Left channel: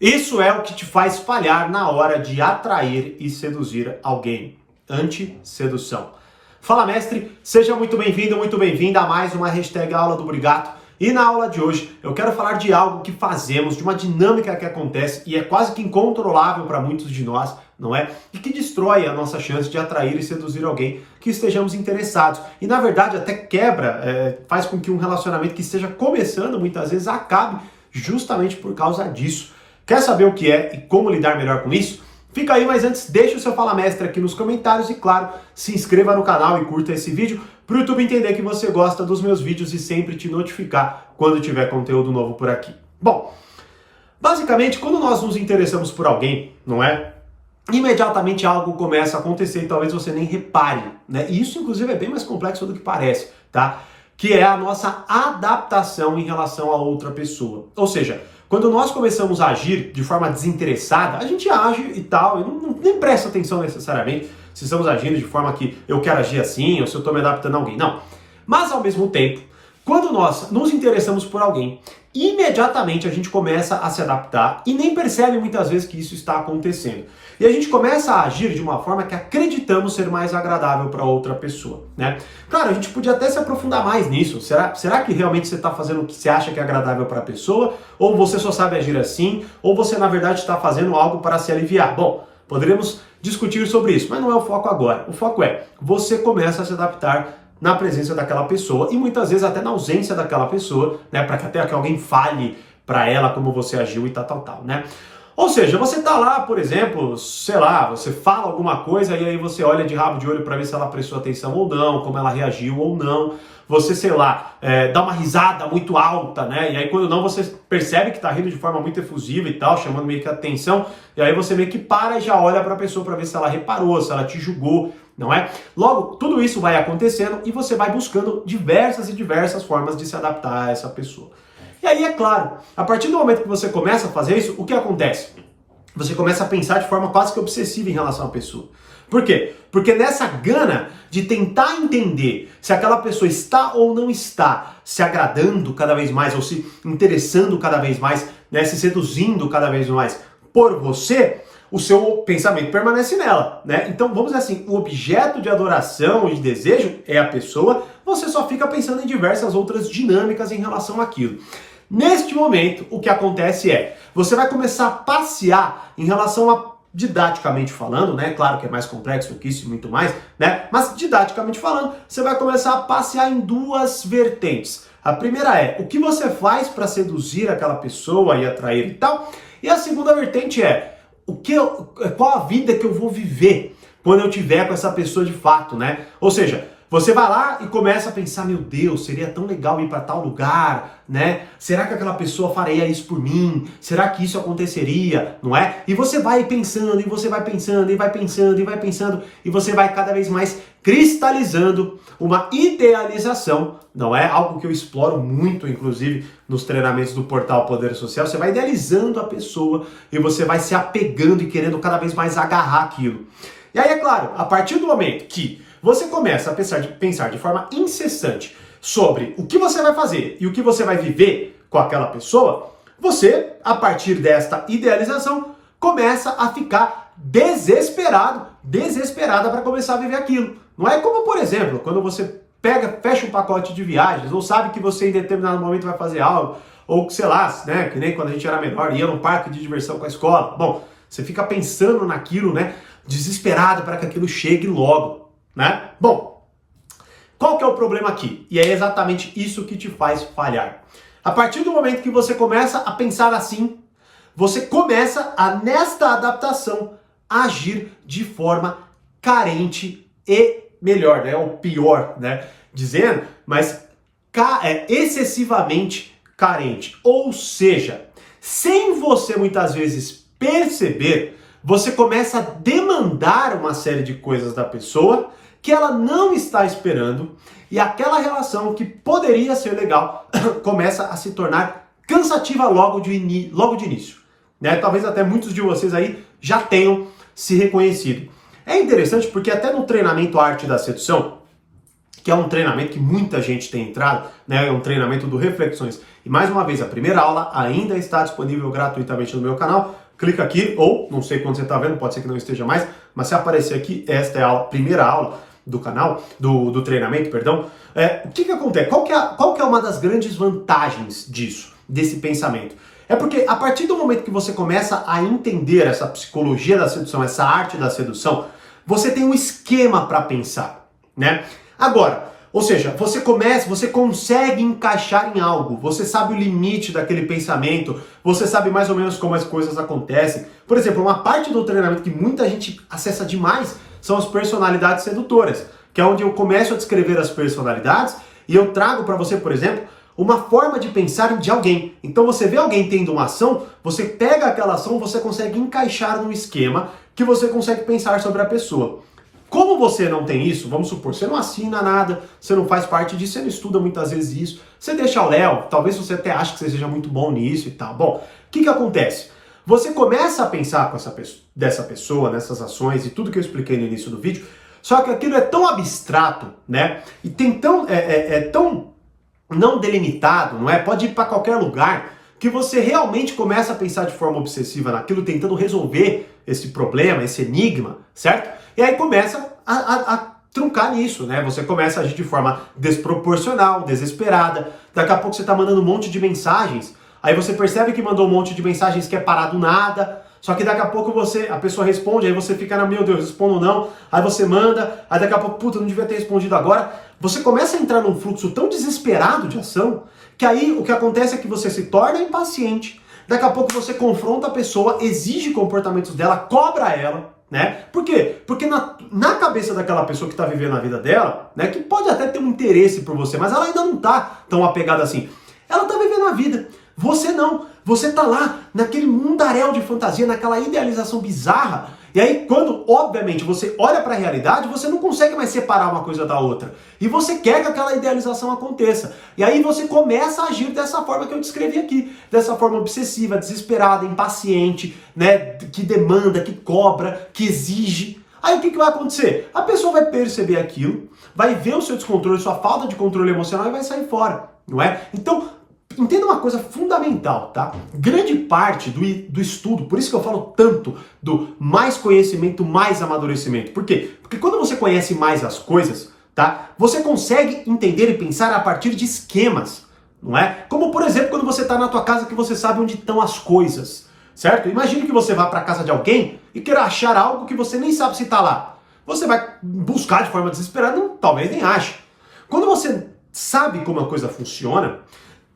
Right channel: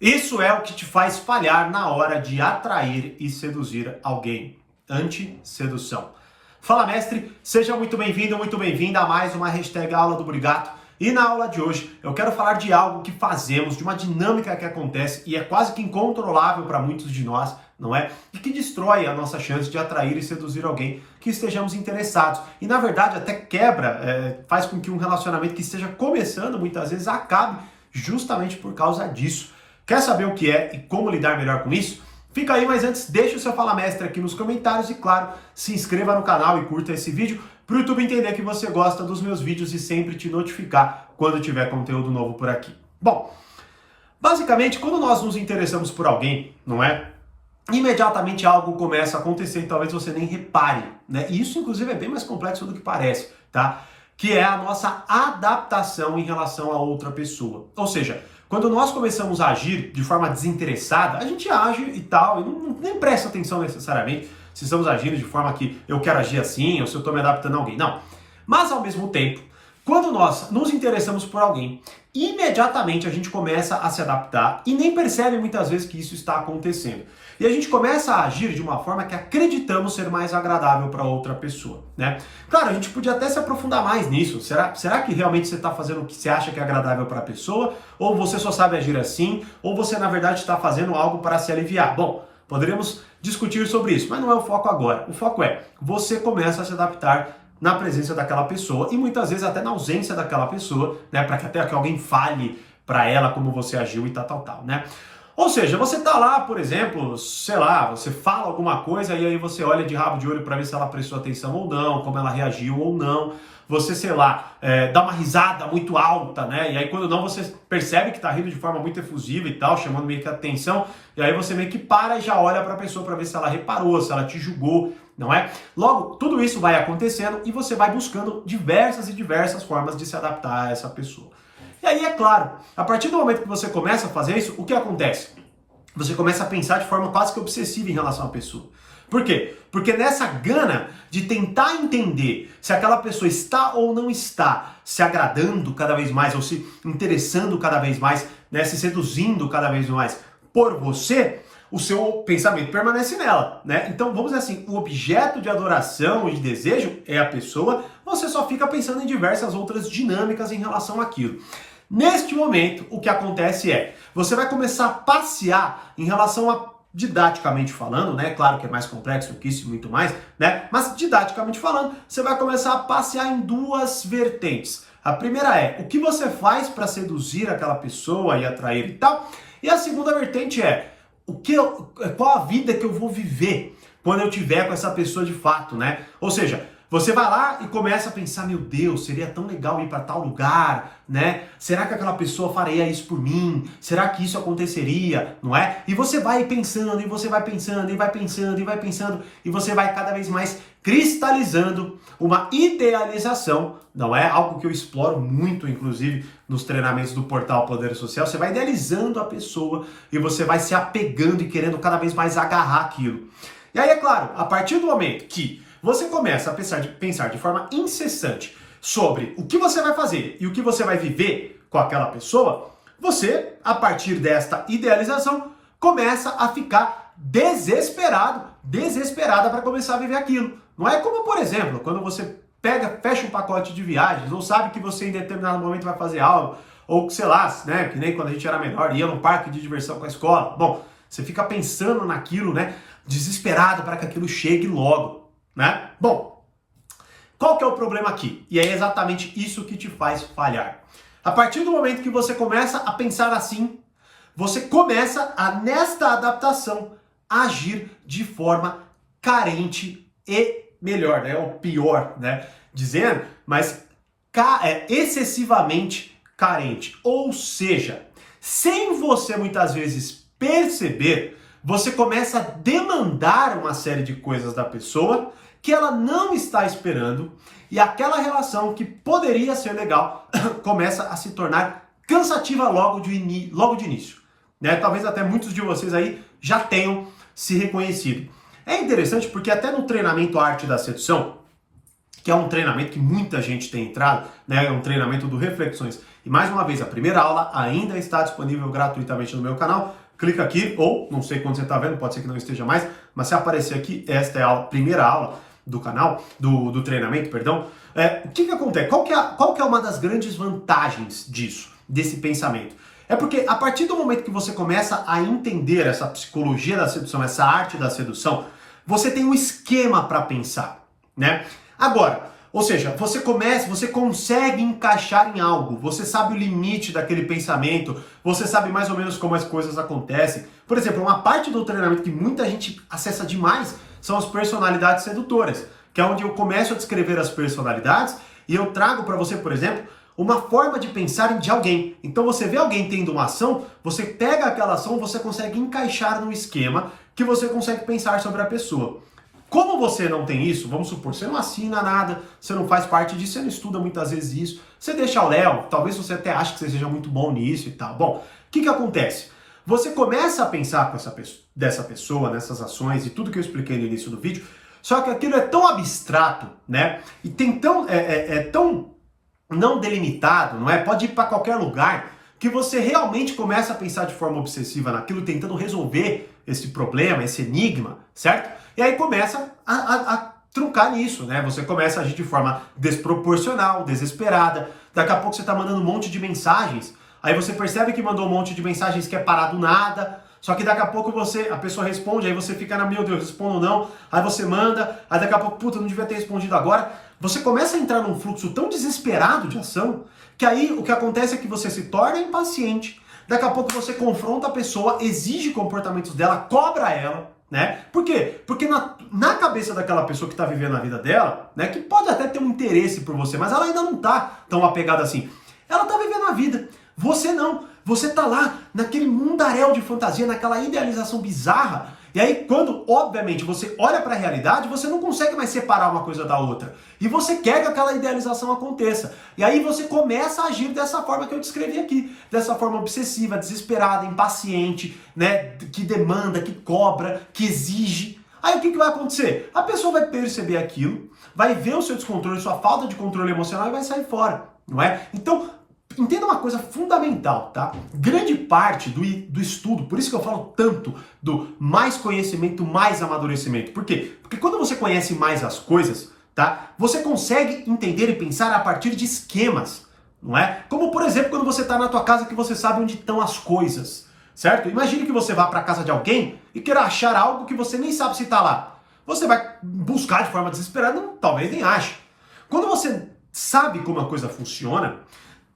Isso é o que te faz falhar na hora de atrair e seduzir alguém. Anti-sedução. Fala, mestre, seja muito bem-vindo, muito bem-vinda a mais uma hashtag Aula do Brigato. E na aula de hoje eu quero falar de algo que fazemos, de uma dinâmica que acontece e é quase que incontrolável para muitos de nós, não é? E que destrói a nossa chance de atrair e seduzir alguém que estejamos interessados. E na verdade até quebra, faz com que um relacionamento que esteja começando muitas vezes acabe justamente por causa disso. Quer saber o que é e como lidar melhor com isso? Fica aí, mas antes deixa o seu Fala Mestre aqui nos comentários e claro, se inscreva no canal e curta esse vídeo para o YouTube entender que você gosta dos meus vídeos e sempre te notificar quando tiver conteúdo novo por aqui. Bom, basicamente quando nós nos interessamos por alguém, não é? Imediatamente algo começa a acontecer e talvez você nem repare, né? E isso inclusive é bem mais complexo do que parece, tá? Que é a nossa adaptação em relação a outra pessoa. Ou seja, quando nós começamos a agir de forma desinteressada, a gente age e tal, e nem presta atenção necessariamente se estamos agindo de forma que eu quero agir assim, ou se eu estou me adaptando a alguém. Não. Mas ao mesmo tempo, quando nós nos interessamos por alguém, imediatamente a gente começa a se adaptar e nem percebe muitas vezes que isso está acontecendo. E a gente começa a agir de uma forma que acreditamos ser mais agradável para outra pessoa, né? Claro, a gente podia até se aprofundar mais nisso. Será que realmente você está fazendo o que você acha que é agradável para a pessoa? Ou você só sabe agir assim? Ou você, na verdade, está fazendo algo para se aliviar? Bom, poderíamos discutir sobre isso, mas não é o foco agora. O foco é, você começa a se adaptar na presença daquela pessoa e muitas vezes até na ausência daquela pessoa, né, para que até que alguém fale para ela como você agiu e tal, né? Ou seja, você tá lá, por exemplo, sei lá, você fala alguma coisa e aí você olha de rabo de olho para ver se ela prestou atenção ou não, como ela reagiu ou não. Você, sei lá, dá uma risada muito alta, né? E aí quando não, você percebe que tá rindo de forma muito efusiva e tal, chamando meio que a atenção. E aí você meio que para e já olha para a pessoa para ver se ela reparou, se ela te julgou, não é? Logo, tudo isso vai acontecendo e você vai buscando diversas formas de se adaptar a essa pessoa. E aí, é claro, a partir do momento que você começa a fazer isso, o que acontece? Você começa a pensar de forma quase que obsessiva em relação à pessoa. Por quê? Porque nessa gana de tentar entender se aquela pessoa está ou não está se agradando cada vez mais, ou se interessando cada vez mais, né, se seduzindo cada vez mais por você, o seu pensamento permanece nela, né? Então, vamos dizer assim, o objeto de adoração e de desejo é a pessoa, você só fica pensando em diversas outras dinâmicas em relação àquilo. Neste momento, o que acontece é, você vai começar a passear em relação a, didaticamente falando, né? Claro que é mais complexo que isso e muito mais, né? Mas didaticamente falando, você vai começar a passear em duas vertentes. A primeira é, o que você faz para seduzir aquela pessoa e atrair e tal? E a segunda vertente é, qual a vida que eu vou viver quando eu tiver com essa pessoa de fato, né? Ou seja, você vai lá e começa a pensar, meu Deus, seria tão legal ir para tal lugar, né? Será que aquela pessoa faria isso por mim? Será que isso aconteceria, não é? E você vai pensando, e você vai pensando, e vai pensando, e vai pensando, e você vai cada vez mais cristalizando uma idealização, não é? Algo que eu exploro muito, inclusive, nos treinamentos do portal Poder Social. Você vai idealizando a pessoa e você vai se apegando e querendo cada vez mais agarrar aquilo. E aí, é claro, a partir do momento que você começa a pensar de forma incessante sobre o que você vai fazer e o que você vai viver com aquela pessoa, você, a partir desta idealização, começa a ficar desesperada para começar a viver aquilo. Não é como, por exemplo, quando você fecha um pacote de viagens, ou sabe que você em determinado momento vai fazer algo, ou sei lá, né, que nem quando a gente era menor, ia num parque de diversão com a escola. Bom, você fica pensando naquilo, né, desesperado para que aquilo chegue logo, né? Bom, qual que é o problema aqui? E é exatamente isso que te faz falhar. A partir do momento que você começa a pensar assim, você começa a, nesta adaptação, agir de forma carente e melhor, né? Ou pior, né? Dizendo, mas excessivamente carente. Ou seja, sem você muitas vezes perceber, você começa a demandar uma série de coisas da pessoa que ela não está esperando e aquela relação que poderia ser legal começa a se tornar cansativa logo de início, né? Talvez até muitos de vocês aí já tenham se reconhecido. É interessante porque até no treinamento Arte da Sedução, que é um treinamento que muita gente tem entrado, né? É um treinamento do Reflexões. E mais uma vez, a primeira aula ainda está disponível gratuitamente no meu canal. Clica aqui, ou não sei quando você está vendo, pode ser que não esteja mais, mas se aparecer aqui, esta é a primeira aula do canal, do treinamento, perdão. O que acontece? Qual que é uma das grandes vantagens disso, desse pensamento? É porque a partir do momento que você começa a entender essa psicologia da sedução, essa arte da sedução, você tem um esquema para pensar, né? Agora, ou seja, você consegue encaixar em algo, você sabe o limite daquele pensamento, você sabe mais ou menos como as coisas acontecem. Por exemplo, uma parte do treinamento que muita gente acessa demais são as personalidades sedutoras, que é onde eu começo a descrever as personalidades e eu trago para você, por exemplo, uma forma de pensar de alguém. Então você vê alguém tendo uma ação, você pega aquela ação, você consegue encaixar no esquema que você consegue pensar sobre a pessoa. Como você não tem isso, vamos supor, você não assina nada, você não faz parte disso, você não estuda muitas vezes isso, você deixa o Léo, talvez você até ache que você seja muito bom nisso e tal. Bom, o que acontece? Você começa a pensar com dessa pessoa, nessas ações e tudo que eu expliquei no início do vídeo, só que aquilo é tão abstrato, né? E tem tão não delimitado, não é? Pode ir para qualquer lugar, que você realmente começa a pensar de forma obsessiva naquilo, tentando resolver esse problema, esse enigma, certo? E aí começa a truncar nisso, né? Você começa a agir de forma desproporcional, desesperada. Daqui a pouco você tá mandando um monte de mensagens. Aí você percebe que mandou um monte de mensagens que é parar do nada. Só que daqui a pouco a pessoa responde, aí você fica na, meu Deus, respondo ou não. Aí você manda, aí daqui a pouco, puta, não devia ter respondido agora. Você começa a entrar num fluxo tão desesperado de ação, que aí o que acontece é que você se torna impaciente. Daqui a pouco você confronta a pessoa, exige comportamentos dela, cobra ela, né? Por quê? Porque na cabeça daquela pessoa que está vivendo a vida dela, né, que pode até ter um interesse por você, mas ela ainda não está tão apegada assim. Ela está vivendo a vida. Você não. Você tá lá naquele mundaréu de fantasia, naquela idealização bizarra. E aí, quando, obviamente, você olha para a realidade, você não consegue mais separar uma coisa da outra. E você quer que aquela idealização aconteça. E aí você começa a agir dessa forma que eu descrevi aqui. Dessa forma obsessiva, desesperada, impaciente, né? Que demanda, que cobra, que exige. Aí o que vai acontecer? A pessoa vai perceber aquilo, vai ver o seu descontrole, sua falta de controle emocional e vai sair fora, não é? Então, entenda uma coisa fundamental, tá? Grande parte do estudo, por isso que eu falo tanto do mais conhecimento, mais amadurecimento. Por quê? Porque quando você conhece mais as coisas, tá? Você consegue entender e pensar a partir de esquemas, não é? Como, por exemplo, quando você está na tua casa que você sabe onde estão as coisas, certo? Imagine que você vá para a casa de alguém e queira achar algo que você nem sabe se está lá. Você vai buscar de forma desesperada, talvez nem ache. Quando você sabe como a coisa funciona,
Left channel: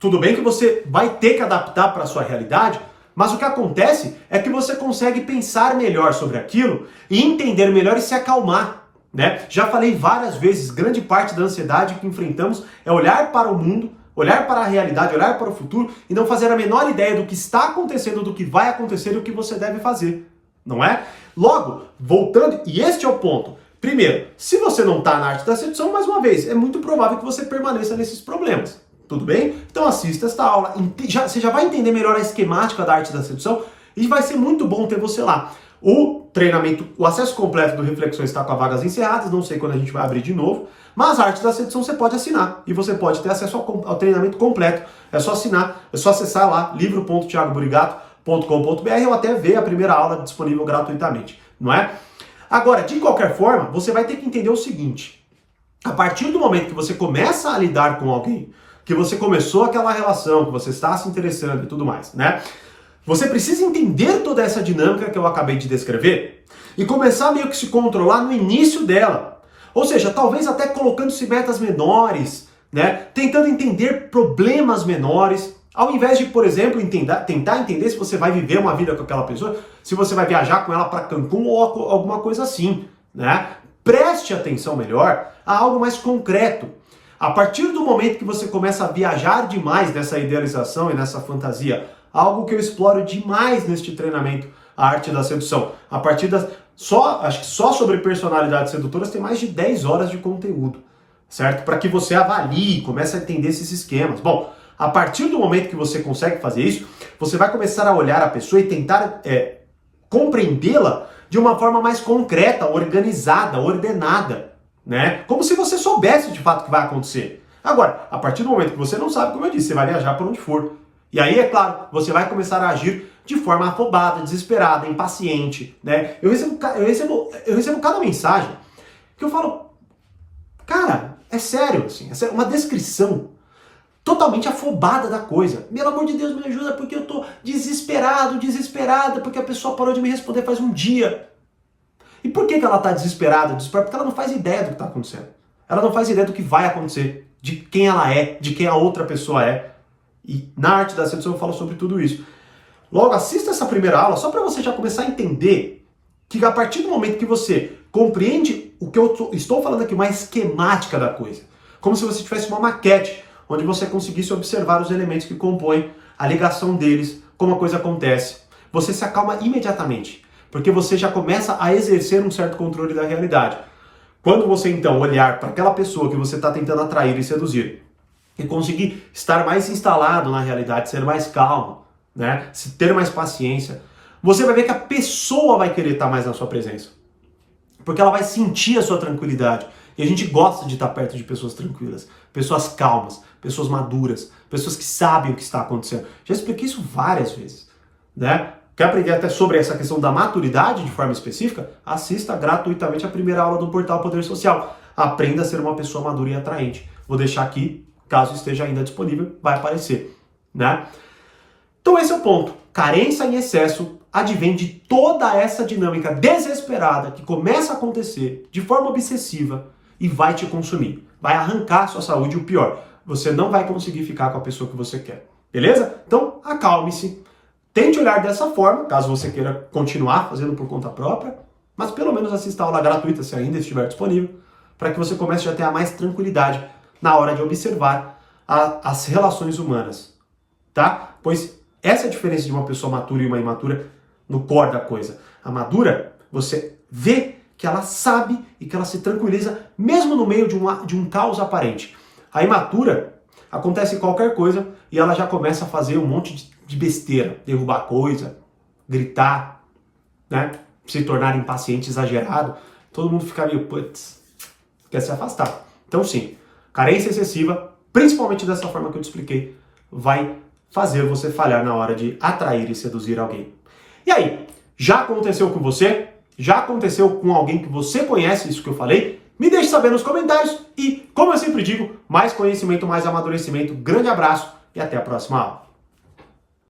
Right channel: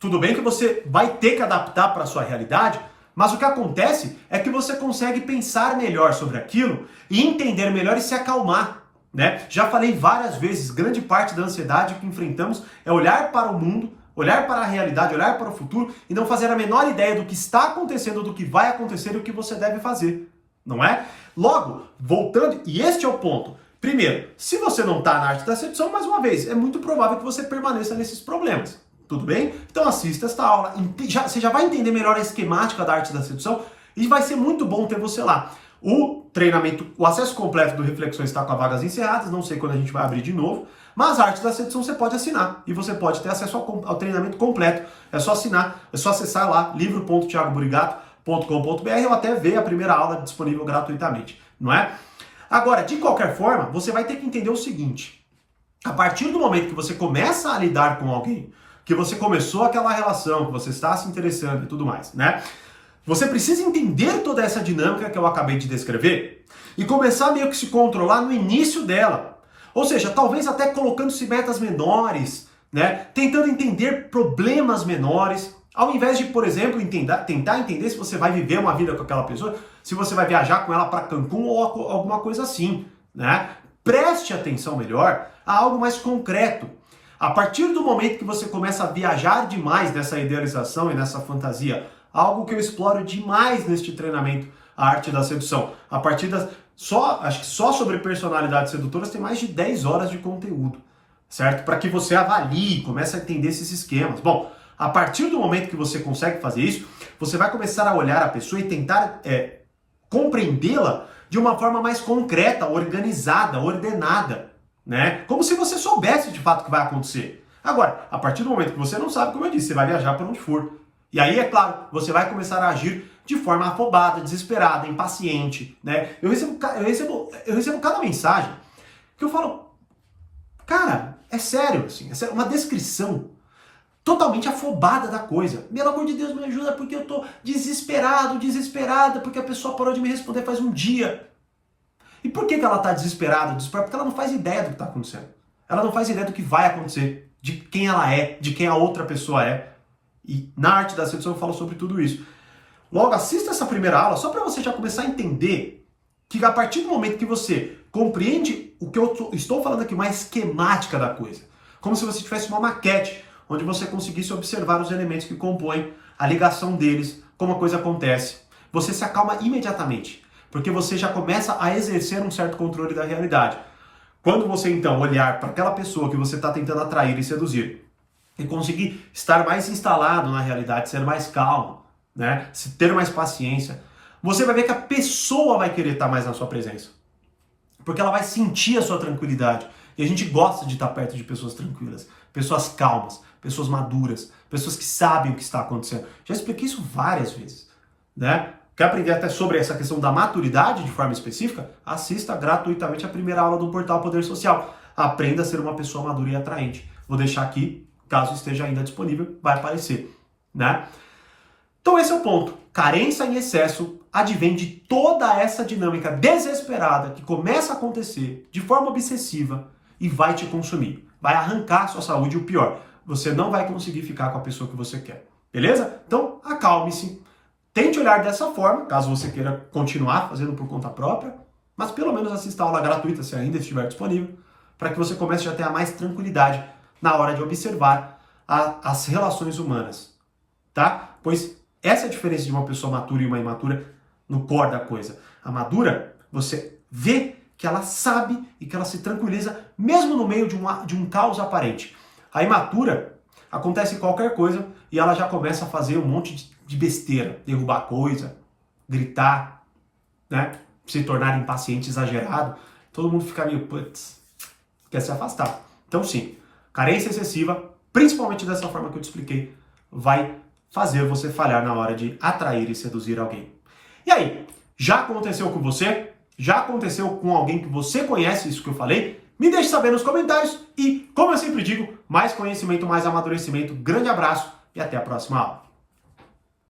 tudo bem que você vai ter que adaptar para a sua realidade, mas o que acontece é que você consegue pensar melhor sobre aquilo e entender melhor e se acalmar, né? Já falei várias vezes, grande parte da ansiedade que enfrentamos é olhar para o mundo, olhar para a realidade, olhar para o futuro e não fazer a menor ideia do que está acontecendo, do que vai acontecer e do que você deve fazer, não é? Logo, voltando, e este é o ponto. Primeiro, se você não está na arte da sedução, mais uma vez, é muito provável que você permaneça nesses problemas. Tudo bem? Então assista esta aula, você já vai entender melhor a esquemática da arte da sedução e vai ser muito bom ter você lá. O treinamento, o acesso completo do Reflexões está com as vagas encerradas, não sei quando a gente vai abrir de novo, mas a arte da sedução você pode assinar e você pode ter acesso ao treinamento completo. É só assinar, é só acessar lá livro.thiagoburigato.com.br ou até ver a primeira aula disponível gratuitamente, não é? Agora, de qualquer forma, você vai ter que entender o seguinte: a partir do momento que você começa a lidar com alguém, que você começou aquela relação, que você está se interessando e tudo mais, né? Você precisa entender toda essa dinâmica que eu acabei de descrever e começar meio que se controlar no início dela. Ou seja, talvez até colocando-se metas menores, né? Tentando entender problemas menores, ao invés de, por exemplo, tentar entender se você vai viver uma vida com aquela pessoa, se você vai viajar com ela para Cancún ou alguma coisa assim, né? Preste atenção melhor a algo mais concreto. A partir do momento que você começa a viajar demais nessa idealização e nessa fantasia, algo que eu exploro demais neste treinamento, a arte da sedução, a partir das... acho que só sobre personalidades sedutoras tem mais de 10 horas de conteúdo, certo? Para que você avalie, comece a entender esses esquemas. Bom, a partir do momento que você consegue fazer isso, você vai começar a olhar a pessoa e tentar compreendê-la de uma forma mais concreta, organizada, ordenada, né? Como se você soubesse de fato o que vai acontecer. Agora, a partir do momento que você não sabe, como eu disse, você vai viajar por onde for. E aí, é claro, você vai começar a agir de forma afobada, desesperada, impaciente, né? Eu recebo cada mensagem que eu falo, cara, é sério, assim, é sério, uma descrição totalmente afobada da coisa. Pelo amor de Deus, me ajuda porque eu tô desesperada, porque a pessoa parou de me responder faz um dia. E por que ela tá desesperada? Porque ela não faz ideia do que tá acontecendo. Ela não faz ideia do que vai acontecer, de quem ela é, de quem a outra pessoa é. E na arte da sedução eu falo sobre tudo isso. Logo, assista essa primeira aula só para você já começar a entender que a partir do momento que você compreende o que eu estou falando aqui, uma esquemática da coisa, como se você tivesse uma maquete, onde você conseguisse observar os elementos que compõem a ligação deles, como a coisa acontece, você se acalma imediatamente, porque você já começa a exercer um certo controle da realidade. Quando você então olhar para aquela pessoa que você está tentando atrair e seduzir, e conseguir estar mais instalado na realidade, ser mais calmo, né? Ter mais paciência, você vai ver que a pessoa vai querer estar mais na sua presença. Porque ela vai sentir a sua tranquilidade. E a gente gosta de estar perto de pessoas tranquilas, pessoas calmas, pessoas maduras, pessoas que sabem o que está acontecendo. Já expliquei isso várias vezes, né? Quer aprender até sobre essa questão da maturidade de forma específica? Assista gratuitamente a primeira aula do Portal Poder Social. Aprenda a ser uma pessoa madura e atraente. Vou deixar aqui, caso esteja ainda disponível, vai aparecer, né? Então esse é o ponto. Carência em excesso advém de toda essa dinâmica desesperada que começa a acontecer de forma obsessiva e vai te consumir. Vai arrancar a sua saúde e o pior, você não vai conseguir ficar com a pessoa que você quer. Beleza? Então acalme-se. Tente olhar dessa forma, caso você queira continuar fazendo por conta própria, mas pelo menos assista a aula gratuita, se ainda estiver disponível, para que você comece a ter mais tranquilidade na hora de observar as relações humanas, tá? Pois essa é a diferença de uma pessoa matura e uma imatura no core da coisa. A madura, você vê que ela sabe e que ela se tranquiliza mesmo no meio de um caos aparente. A imatura, acontece qualquer coisa e ela já começa a fazer um monte de besteira, derrubar coisa, gritar, né? Se tornar impaciente, exagerado. Todo mundo fica meio, putz, quer se afastar. Então sim, carência excessiva, principalmente dessa forma que eu te expliquei, vai fazer você falhar na hora de atrair e seduzir alguém. E aí, já aconteceu com você? Já aconteceu com alguém que você conhece, isso que eu falei? Me deixe saber nos comentários e, como eu sempre digo, mais conhecimento, mais amadurecimento. Grande abraço e até a próxima aula.